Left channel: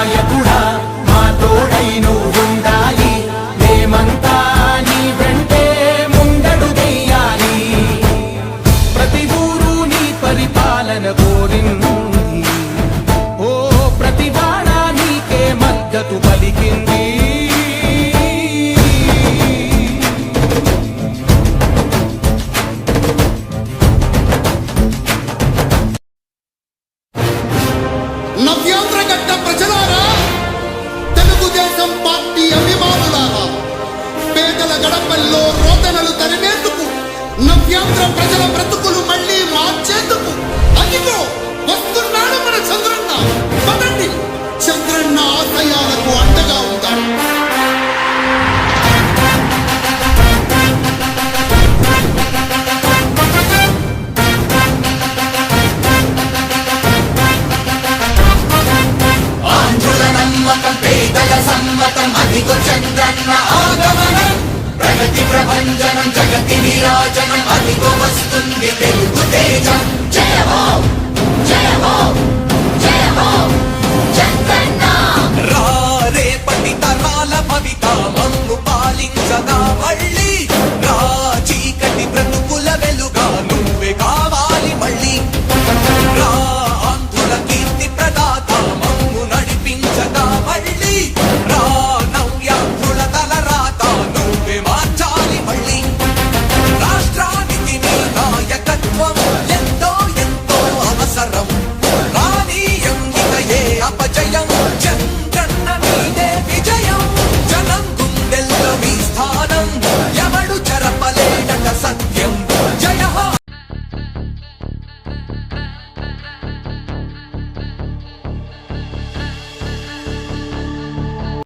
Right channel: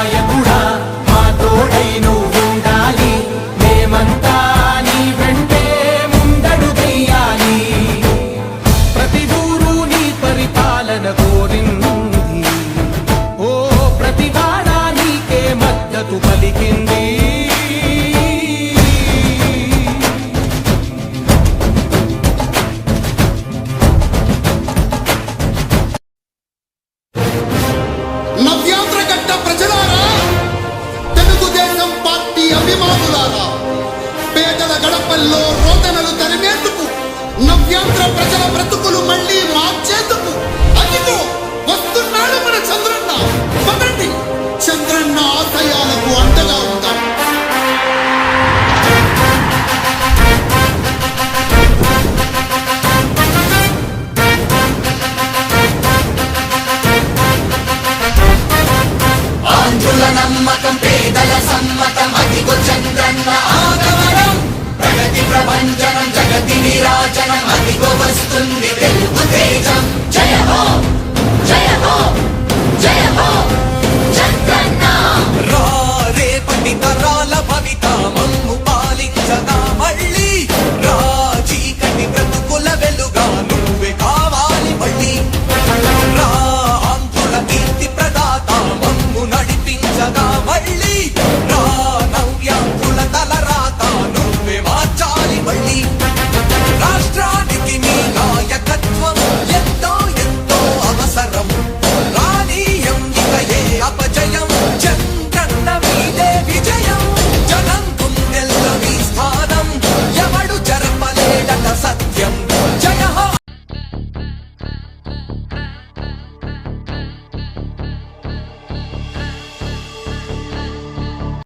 సహాయ కూడా మా తోడై నువ్వు ఉండాలి మేమంతా నీ వెంటే ముందడు చెయ్యాలి ప్రతి పరిపాలన కోరింది ఓ ప్రతి నీకే మద్దతు పలికింది నవ్యాంధ్ర గట్ట ప్రజలారా తెలుగుదేశం పార్టీ అభిమానులారా పేదల గడపల్లో రోదనలు తరిమేందుకు నవ్యాంధ్ర ప్రజల బ్రతుకులు మళ్లీ మార్చేందుకు అదిగో వస్తున్నాడు మన చంద్రన్న పదండి చంద్రన్న ఆశయాలకు मतम् अधिको आगमनम् प्रगति प्रभञ्जनम् जगति विराजनम् अधिको वस्तुम्